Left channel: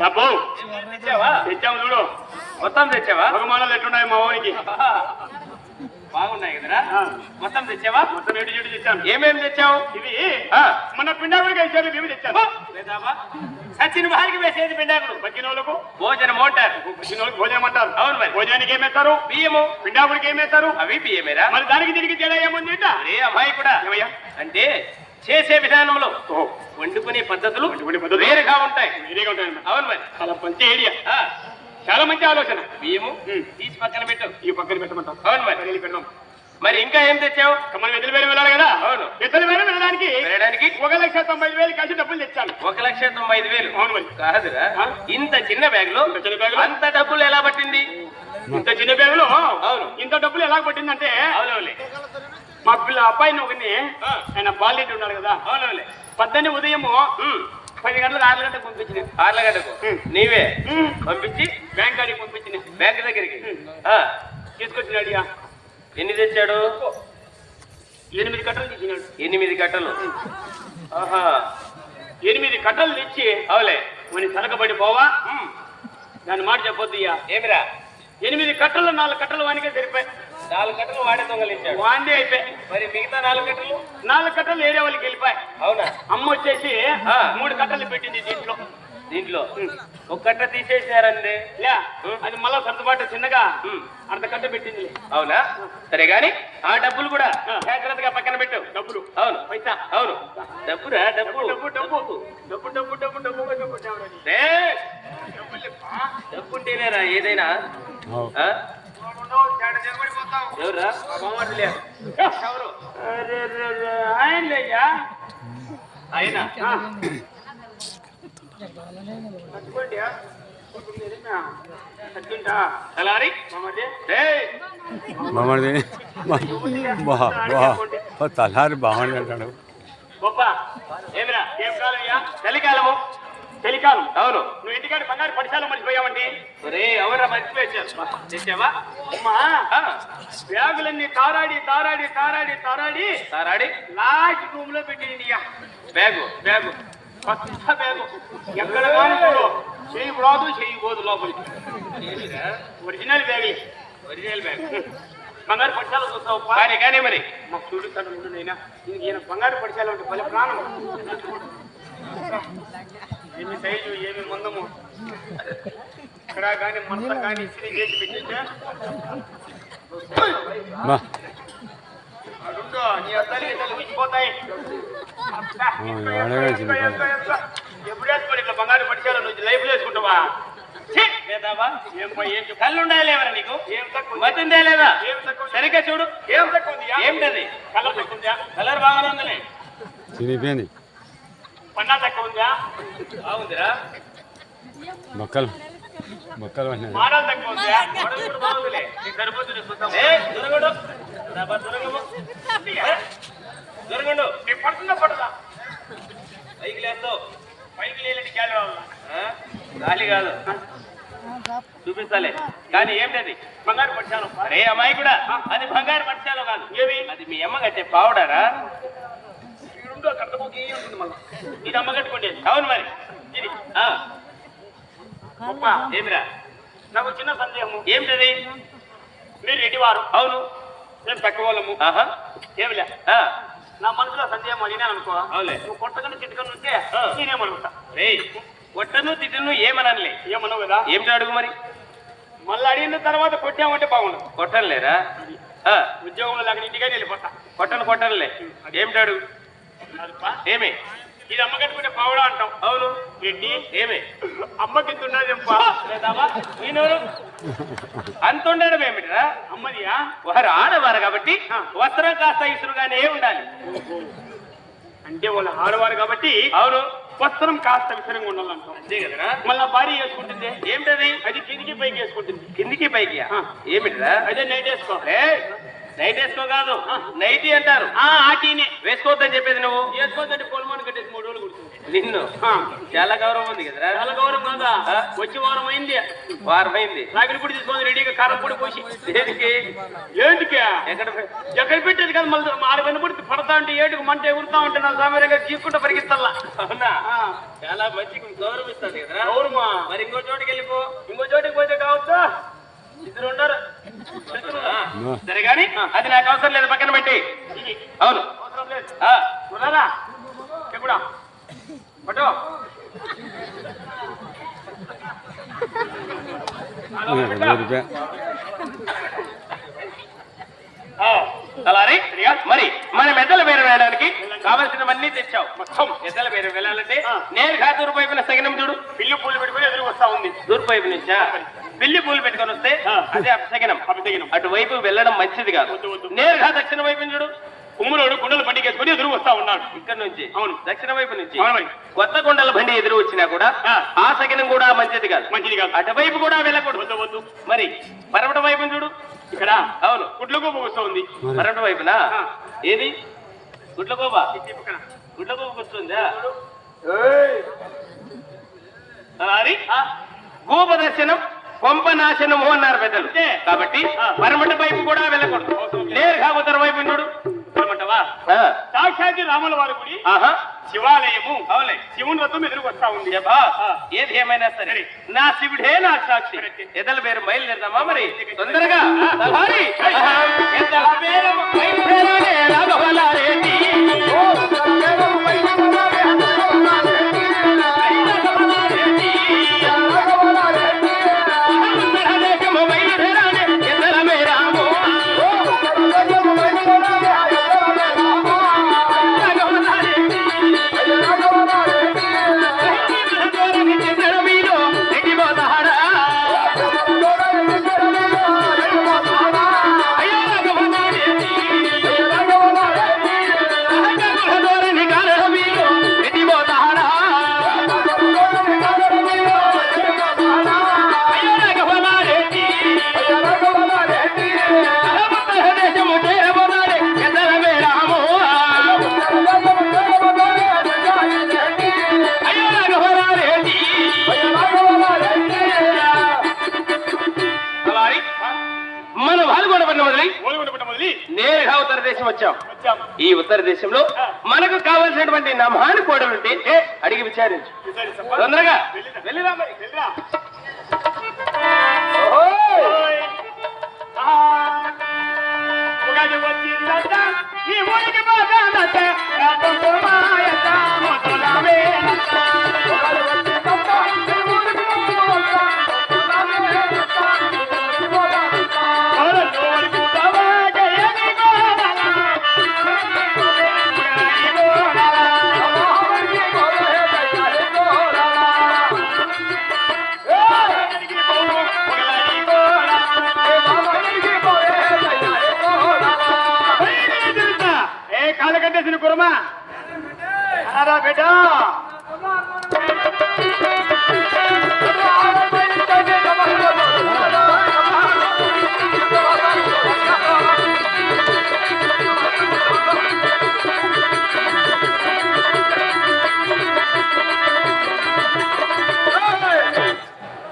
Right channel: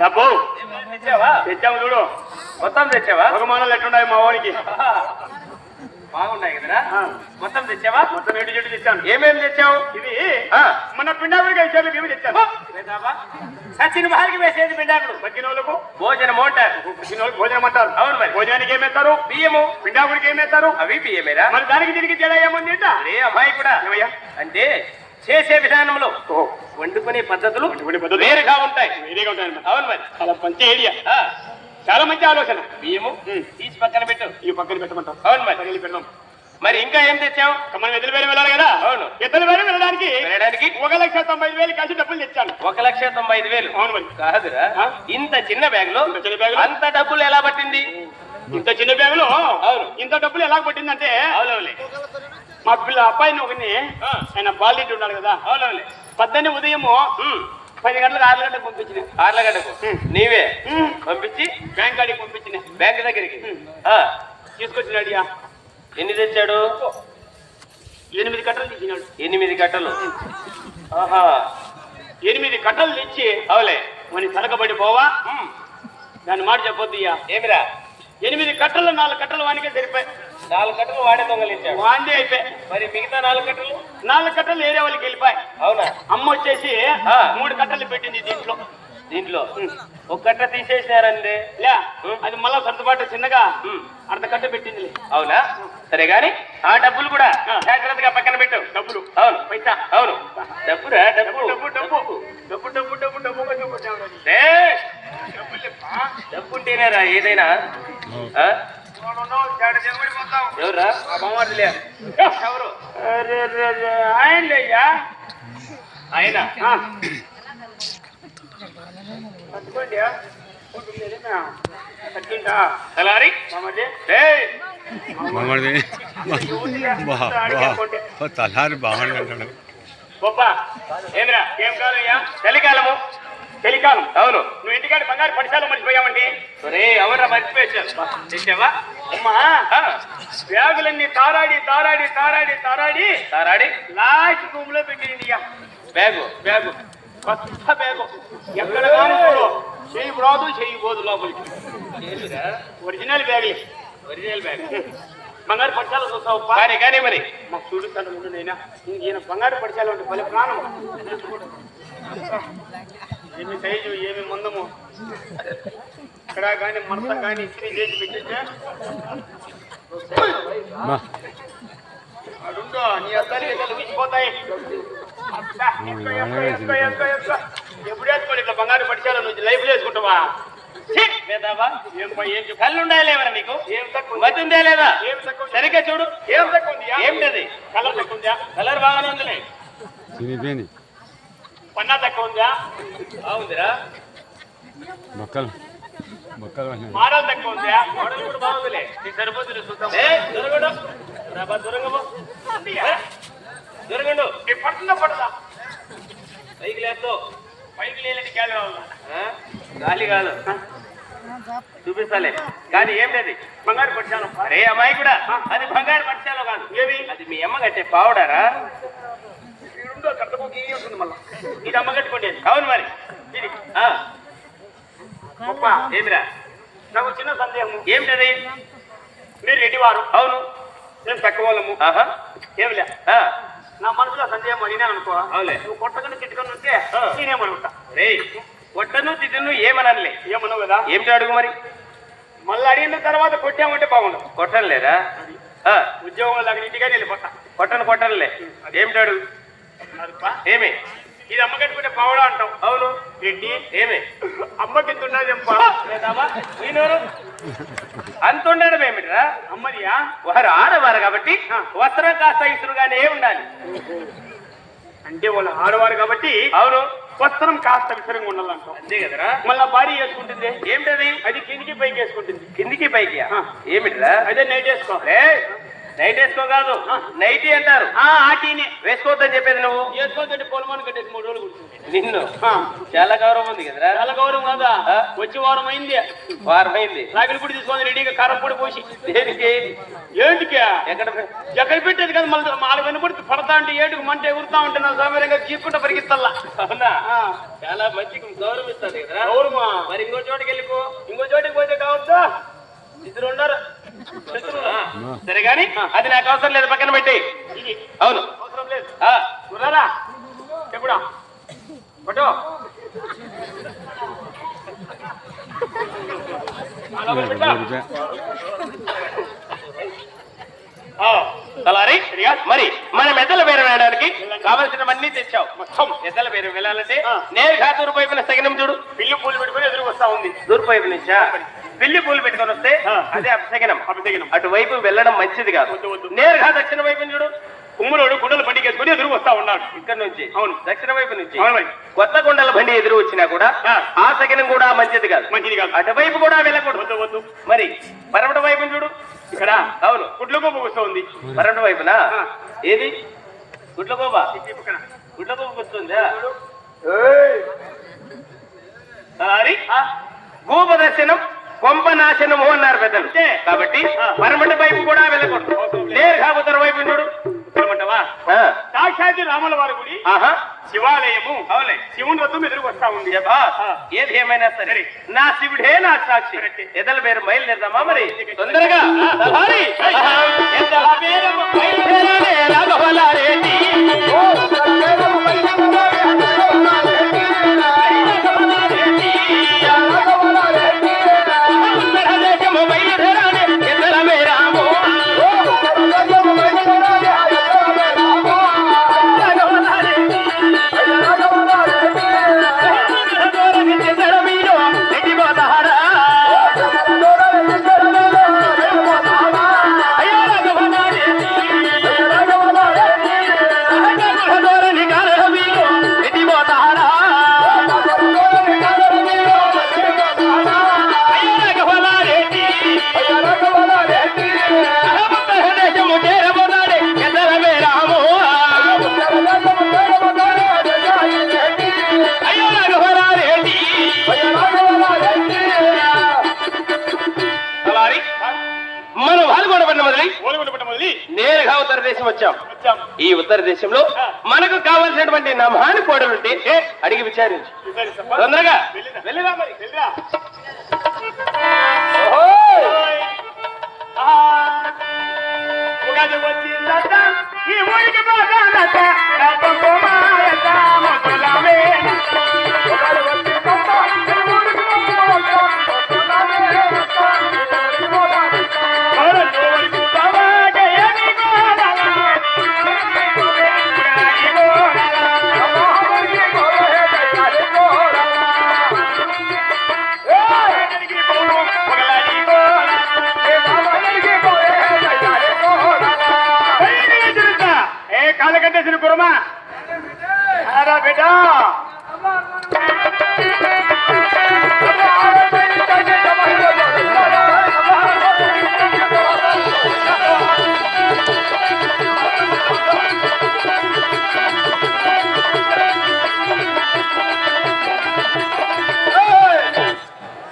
డబ్బు తెచ్చావా? చూడు. మొత్తం తెచ్చావా? భగమానాలు ఎట్లున్నాయి మా వానికి? బాగున్నాయి కదరా. మొత్తం తెచ్చావా? మొత్తం రెండు చెట్టు తెచ్చాను ఏమేమి తెచ్చావు? ఇది మన పిండాకుడికి వచ్చారు మేము తెచ్చాను లేదావా? సచిన్ భార్గవి వేసేది పిండాకుడు వచ్చిన వాళ్ళకు భోజనం అంటారు వచ్చిన వాళ్ళకి భోజనం అంటారు అవును మరి. భోజనానికి ఏమేస్తారు బియ్యము. పిండాకుడికి ఏమేస్తారు అవి బియ్యమేరా. మరి దానికి దీనికి తేడా ఏముంది? అరే అమ్మాయి కూడా? అంటే చేసే విధానంలో. వండుకునే పద్ధతులు వేరుగా ఉంటాయి. వేరేగా ఉంటాయన్నమాట. అవును మరి. చాలా మంచి ఐడియా చాలా మంచి ఆలోచన. బియ్యము ఉమ్. తీసి పక్కన పెట్టు. ఈ పక్కన పెట్టమంటాం. అవును మరి. పెడదాం. మరి ఇంకా ఏం తెచ్చావు? మనం ఎదురు వేలు వెళ్ళాలి కదా? అవును. ఎదురు వేలు వెళ్ళడానికి వెళ్ళడానికి ఒక లక్ష తొంభై వేలు కలిసి డబ్బులు తెచ్చాను. ఒక లక్ష తొంభై ఐదు వేలు. అవును మరి. కాదురా? ఇంత చిన్న బ్యాగ్లో చిన్న బ్యాగులో? అంత డబ్బులు ఎలా పట్టింది? ఇంత చిన్న బ్యాగులో? అవును. ఇంత డబ్బులు ఎలా పట్టిందంటే అవునవులే మా పిల్ల అబ్బాయిని ఒకరిని ఆ. ఆయన బాల్రెడ్డి ఉన్నాడు కదా? అవునవులే పద్దెని ఉదయం ఉమ్, పది గంటలకు ఆరు గంటలకు పంపించిన. ఆర్లగడ్డకు ఉమ్. నీవే. పంపించి? బ్యాంక్ కాడికి పంపించిన. బ్యాంక్ దగ్గరికి? ఉమ్. ఆ, తీసుకొచ్చినాడు ఇక. ఎన్ని తెచ్చాడు? ఎనిమిది కట్టలు తెచ్చినాడు. ఎనిమిది గంటలు ఆహా. ఎనిమిది కట్టలు తెచ్చి అవులే. మన తలకబడి పోవా? దాని మాట చెప్పొద్దు ఏమిరా? ఎనిమిది కట్టలు నాలుగు కట్టలు వానికే సరిపోయి నాలుగు గంటలు వాడే దొంగలించాడు వాందే అయిపోయి మరి మిగతా నాలుగు గంటలు నాలుగు కట్టలు ఏరే వాళ్ళకి వెళ్ళిపోయి అవునా అమ్మ వచ్చేసి ఆ. మూడు కట్టలు పెట్టింది దీంట్లో. దీంట్లో? ఒక గంట తీసేసినారండి లే అది మళ్ళా సర్దుబాటు చిన్నగా. అర్ధ కట్ట పెట్టింది. అవునా? సరే గాని ఆ డబ్బులు కూడా. జాగ్రత్తగా పక్కన పెట్టు. డబ్బులు. అవును. పైసా. అవును. డబ్బురా డబ్బు. డబ్బు డబ్బు డబ్బు. డబ్బు. డబ్బు డబ్బు డబ్బు డబ్బు ఉంటేనేరా ఏదైనా? ఎవరా? ఆయనయ్యా ఆయన తలారి? ఏయ్! బాగుంది బా బా తలారి బాగుంది అంటాడు. గొప్ప. ఏంద్రా? ఏం కాదయ్యా చలికాలము. చలికాలం అవును. నువ్వు ఇంటికాడ బంగారు పడిశాలు మర్చిపోయావండి ఒరే ఎవరా మర్చిపోయారు తెచ్చావా అమ్మా బ్యాగులన్నీ తారాడి తారాడి తారాడి తారాడి తారాడి? లాస్ట్ రూమ్లో పెట్టింది. బ్యాగు? బ్యాగు. కొత్త బ్యాగు. ఎక్కడ చెయ్యి రాదు చెయ్యి పోదు లోపలికి? Original bag. Original bag. బంగారు పడిశాలు చూస్తావు కానీ కానీ మరి. మా చూడు తండ్రి నేనా? ఈయన బంగారు పడిశాలు ఉంటే పలు ప్రాణం. ఎన్ని సైజు ఏమి మందము? ఇక్కడ కానీ మనతో కానీ ఇస్త్రీ చేసి పెట్టిందా నీ బంగారు పడిచాలో నువ్వు లైఫ్ కళ్ళు ఉండాలేవరా నీకు? మతి ఉందా లేదా? సరిగ్గా చూడు. ఏం తక్కువ ఏంటది? కలర్ తక్కువ కలర్ బాగానే తక్కువ ఉందా? బాగుందిరా. మొక్కలు మొక్కలు మోడల్ తక్కువ ఉందా? మోడల్ కూడా బాగుందిలే నీకు సరిపోతుంది చూద్దాం. ఏ దొరకడు. డబ్బా దొరకవు ఏ, దొరకడు. నీకు పడుతుందా పడదా? పైకి లేస్తావు పైకి? గాలి కాదు. చూపిస్తాలే. కానీ ఏంటది? బంగారు పడిశాను అరే అమ్మాయి కూడా అది బంగారు పక్షాలు కాదు. ఏవి అది మీ అమ్మ కట్టే పావుడారా? ఉందో కట్టబోకి ఉంటుంది మళ్ళా. ఇది అమ్మ కట్టుకోండి అవును మరి. ఇది ఆ, గొప్ప ఏమిరా? నాకు చిన్న సందేహము. ఏమిటది? మీరు రెడ్డివారు. అవును. మేము తక్కువ వాళ్ళము. ఆహా. ఏమిలే? ఆ, నా మనసులో సందేహం అడిగినా అనుకో అవులే. నువ్వు కొట్టకుండా తిట్టుకొని ఉంటే ఆ. నేనేమనుకుంటా? రేయ్ కొట్టను తిట్టును ఏమనలే ఏమన్నావు కదా? ఏమిటి అడుగు మరి? మళ్ళీ అడిగిన తర్వాత కొట్టామంటే బాగుండదు కొట్టను లేదా ఉద్యోగం లాగా ఇంటికైనా వెళ్ళిపోతా. కొట్టను కొట్టనులే. ఏమిటి అడుగు. ఏమి? ఇది అమ్మ కట్టుకుంటే పావడా అంటాం. అవును. రెడ్డి ఏమి? అమ్మకి? ఈయనెవరు? అంత ఉండడం ఏమిట్రా? అమ్మదియా వారు ఆడవారు కాబట్టి వస్త్రం కాస్త ఇసురుగానే ఉండాలి. అంటే వాళ్ళు ఆడవారు కాబట్టి అవును. వస్త్రం కాస్త విసరంగా ఉండాలంటాం. అంతే కదరా? మళ్ళా భార్య వేసుకుంటుంది. ఏమిటది? అది కిందికి పైకి వేసుకుంటుంది. కిందికి పైకి. ఏమిట్రా? అదే నైట్ వేసుకో ఏయ్, నైట్ వేసుకో కాదు. నైటీ అంటారు. ఆ ఆటీనే వేసుకోవద్దని చెప్పేది నువ్వు? వేసుకోదంటే పొలమాను కట్టేసి మూడు రోజులు కుడుతుంది నిన్ను? చాలా గౌరవం ఉంది కదరా. చాలా గౌరవం కాదా. వచ్చి వారం అయింది. వారం అయింది. రాగిలి పొడి తీసుకొని రెడీగా కారం పొడి పోసి. దేనికి? ఏంటికి? ఎక్కడ? ఎక్కడ పెట్టేది కదా మళ్ళీ ఆడ వెనుపడి పడతా ఉంటే ఏటికి మంట ఎగురుతా ఉంటే నా సామీరంగా తీసుకుంటూ పరిగెత్తల్లా. అవునా? చాలా మంచిగా గౌరవిస్తాడు కదరా. గౌరవమా? మరి ఇంకో చోటుకి వెళ్ళిపో. ఇంకో చోటికి పోతే కావచ్చా? ఇద్దరు ఉండరు? సరే గాని అది నాకు అవసరం లేదు పక్కన పెట్టి. అవును. అవసరం లేదు. పట్టు అలానే మరి మనం ఎద్దల పేరు వెళ్ళడానికి కావలసినవన్నీ తెచ్చావు. మొత్తం ఎద్దల పేరు వెళ్ళాలంటే నేను కాతూరు వైపున సగనం చూడు. పిల్లి పూలు పెట్టుకుని ఎదురు వస్తా ఉంది తూర్పు పిల్లి పూలు పెట్టుకొని వస్తే అదే అపశకనం అపశకునం. అటువైపు వెళ్ళడం మంచిది కాదు. నేరుగా దక్షిణ వైపు చూడు. కుమ్ములోడు కుండలు బండికేసుకుని ఎదురు వస్తా ఉన్నాడు. ఇక్కడ నుంచి. అవును. దక్షిణ వైపు నుంచి. కొత్త కొండల బండి ఎదురు వచ్చినా కూడా ఆ. సగనం కూడా మంచిది కాదు. మంచిది కాదు. అటువైపు కూడా వెళ్ళకూడదు. వద్దు మరి పరమట వైపు చూడు. ఇక్కడ? అవును. గుడ్ల గోప వస్తా ఉంది పరమట వైపునా. ఏది? గుడ్ల పక్కన. గుడ్ల గోబ వస్తుందా గోప దర్శనం? కొంప నాశనము అన్నారు పెద్దలు. కాబట్టి పరమట వైపు కూడా వెళ్ళకూడదు. నేరుగా ఉత్తర వైపు చూడు. సాక్షాత్ రాముల వారి గుడి. ఆహా. శివాలయము. అవులే శివుని రథం ఎదురు వస్తా ఉంది. ఏది ఏమైనా సరే. నా శివుడే నా సాక్షి. ఎదల పేరు బయలుదేరదామా మరి? తొందరగా. మన పాల్గొన పడిన మొదలై మొదలి నేరుగా ఉత్తర దేశం వచ్చాం. వచ్చాం. ఈ ఉత్తర దేశంలో మనకు కావాల్సినటువంటి నా మహాని కోడలు ఉంటే అడిగి విచారించు? తొందరగా. వెళ్ళిరా. మరి. వెళ్ళిరా. ఓహో! ఆ, ఉగాది వచ్చిందట, ఈ ఊరికి అరా బిడ్డ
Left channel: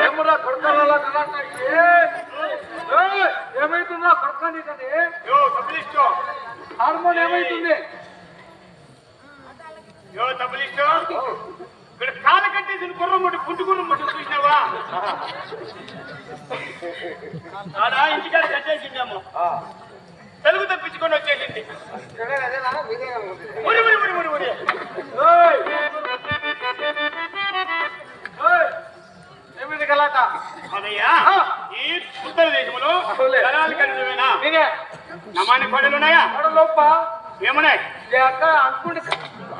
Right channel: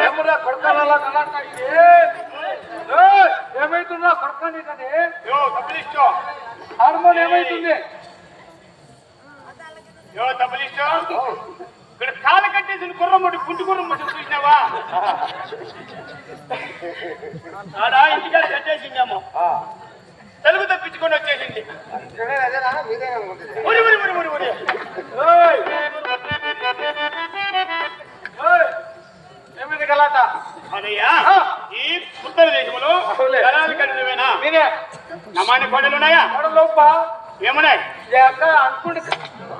ఏమరా కొడకాల ఏమైతుందా కొడకండి కానీ యో తప్పలిస్టో హార్మోన్ ఏమైతుంది యో తప్పలిస్టో ఇక్కడ కాలు కట్టేసిన గుర్రం ముట్టు పుంటి గుర్రం ముట్టు చూసినావా? ఆడ ఇంటికాడ కట్టేసిందేమో. తెలుగు తప్పించుకొని వచ్చేసింది. ఉరి, ఉరి, ఉరి, ఉరి, ఉరి. ఏమైంది గలాట అదయ్యా ఈ ఉత్తర దేశంలో జలాలు కడినవేనా నమాని కొడలోప ఏమున్నాయి? లేక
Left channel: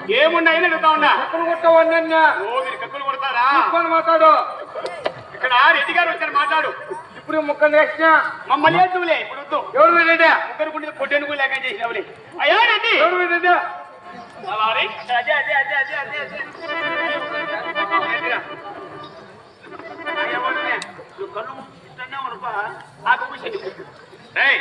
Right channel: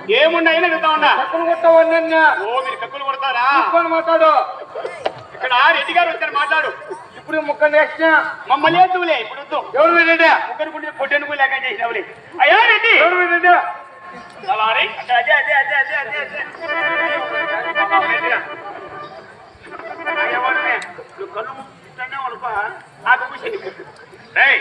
అనుకుంటే ఏమున్నాయని అడుగుతా ఉన్నా. కప్పులు కొట్టవని నిన్న? ఓ మీరు కప్పులు కొడతారా? తీసుకొని మాట్లాడు. ఇక్కడ రెడ్డి గారు వచ్చారు మాట్లాడు. ఇప్పుడు ముక్క నేసిన మమ్మల్ని ఎందుకులే ఇప్పుడు వద్దు. ఎవరు మీరేదే ముగ్గురు కుంటే పొట్టెనుకు లేక చేసినవులే. అయ్యా రెడ్డి! ఎవరు మీరేదే అలా రే. అదే అదే అదే అదే అదే అదే. కళ్ళు మూసేది. రేయ్,